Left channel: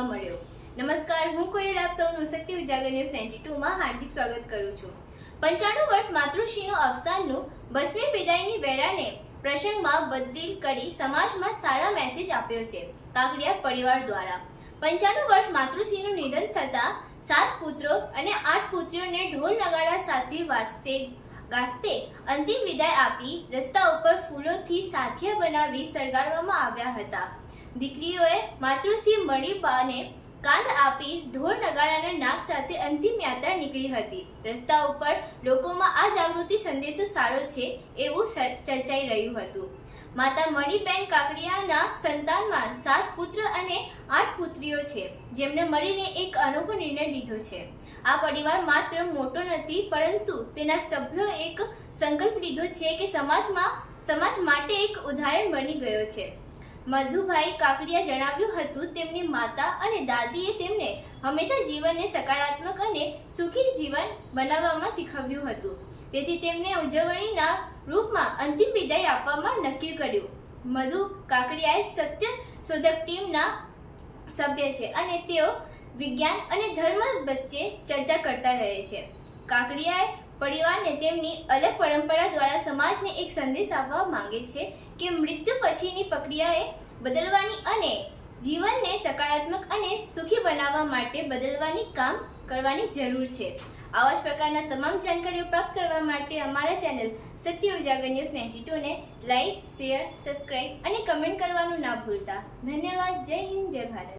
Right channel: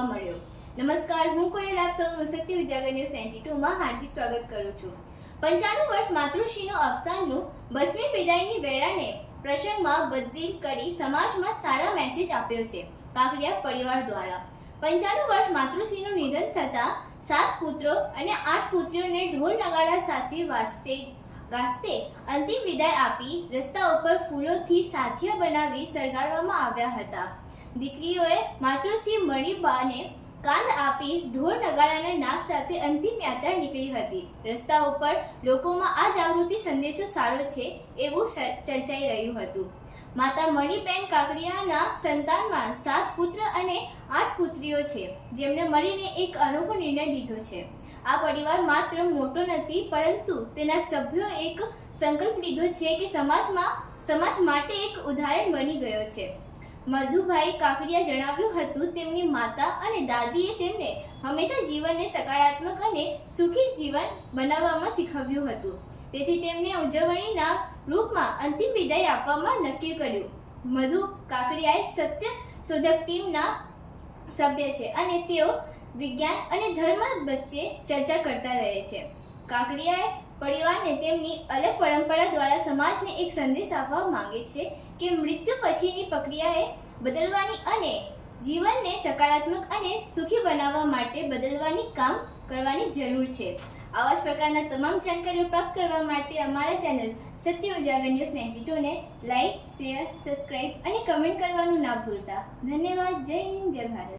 જોવા મળ્યો। નમસ્કાર, હું કોયલ આપ સૌનું સત્ય ઉજાગર ન્યૂઝ 92 માં હાર્દિક સ્વાગત કરું છું। 95 વર્ષ માતૃશ્રીનું અવસાનનું 20મી વિદાયની વેળાને પ્રસંગમાં બદલી કરી સમાજમાં સારા મેસેજ આપ્યો છે કાકડિયા પરિવાર દ્વારા। 95 વર્ષ માતૃશ્રીનું નિધન થતા 7 પુત્રો અને 8 પુત્રીઓને ઢોલ નગાડા સાથે ગાસ્તે અંતિમ વિદાય આપી રસ્તા ઉપર ફૂલોથી સાથિયા બનાવી સળગાવવામાં આવ્યા હતા। દીકરીઓએ માતૃશ્રી મણિબાને કાંદ આપી ઢોલ નગાડાના નાદ સાથે અંતિમ યાત્રા નીકળી હતી। રસ્તા ઉપર લોકોમાં આ જાગૃતિ સંદેશો સારો છે એવું ચર્ચાઈ રહ્યું હતું। માતા મણિબેન કાકડિયાના સંતાનમાં 7 પુત્ર અને 8 પુત્રીઓ છે, જેમને મળીને એક અનોખો નિર્ણય લીધો છે। આ પરિવાર માત્ર મોટો નથી, પરંતુ તેના સભ્યો એક સંકલ્પ લીધો છે કે સમાજ માટે એક ઉદાહરણ બની ગયો છે। મધુભાઈ કાકડિયા જણાવ્યું હતું, તેમની માતા અને દાદીએ તેમને હંમેશા જીવનને સકારાત્મક અને સુખી જીવન બનાવવામાં શીખવ્યું હતું, તેથી તેમને ઉજવણીના રૂપમાં અંતિમ વિદાય આપવામાં નક્કી કર્યું। મધુ કાકડિયા સત્ય શોધક ટીમના સભ્ય છે અને તેઓ વિજ્ઞાન અને ધર્મ વચ્ચે ચર્ચા કરતા રહે છે। કાકડિયા પરિવારને તેમની અલગ પરંપરા દ્વારા સમાજને એક સંદેશ આપવા માંગે છે કે મૃત્યુ પછીની પ્રક્રિયાએ બદલવાની અને જીવનને સકારાત્મક અને સુખી બનાવવા માટે બદલવાની કામ કરવાની જરૂર છે। આવા જ પ્રકારના તમામ જાણકારીઓ પ્રાપ્ત કરવા માટે અમારા ચેનલ સત્ય ઉજાગર ન્યૂઝ 92 ને લાઈક, શેર, સબસ્ક્રાઇબ અને કમેન્ટ કરવાનું ના ભૂલતા। ધન્યવાદ। જય હિન્દ, જય ભારત।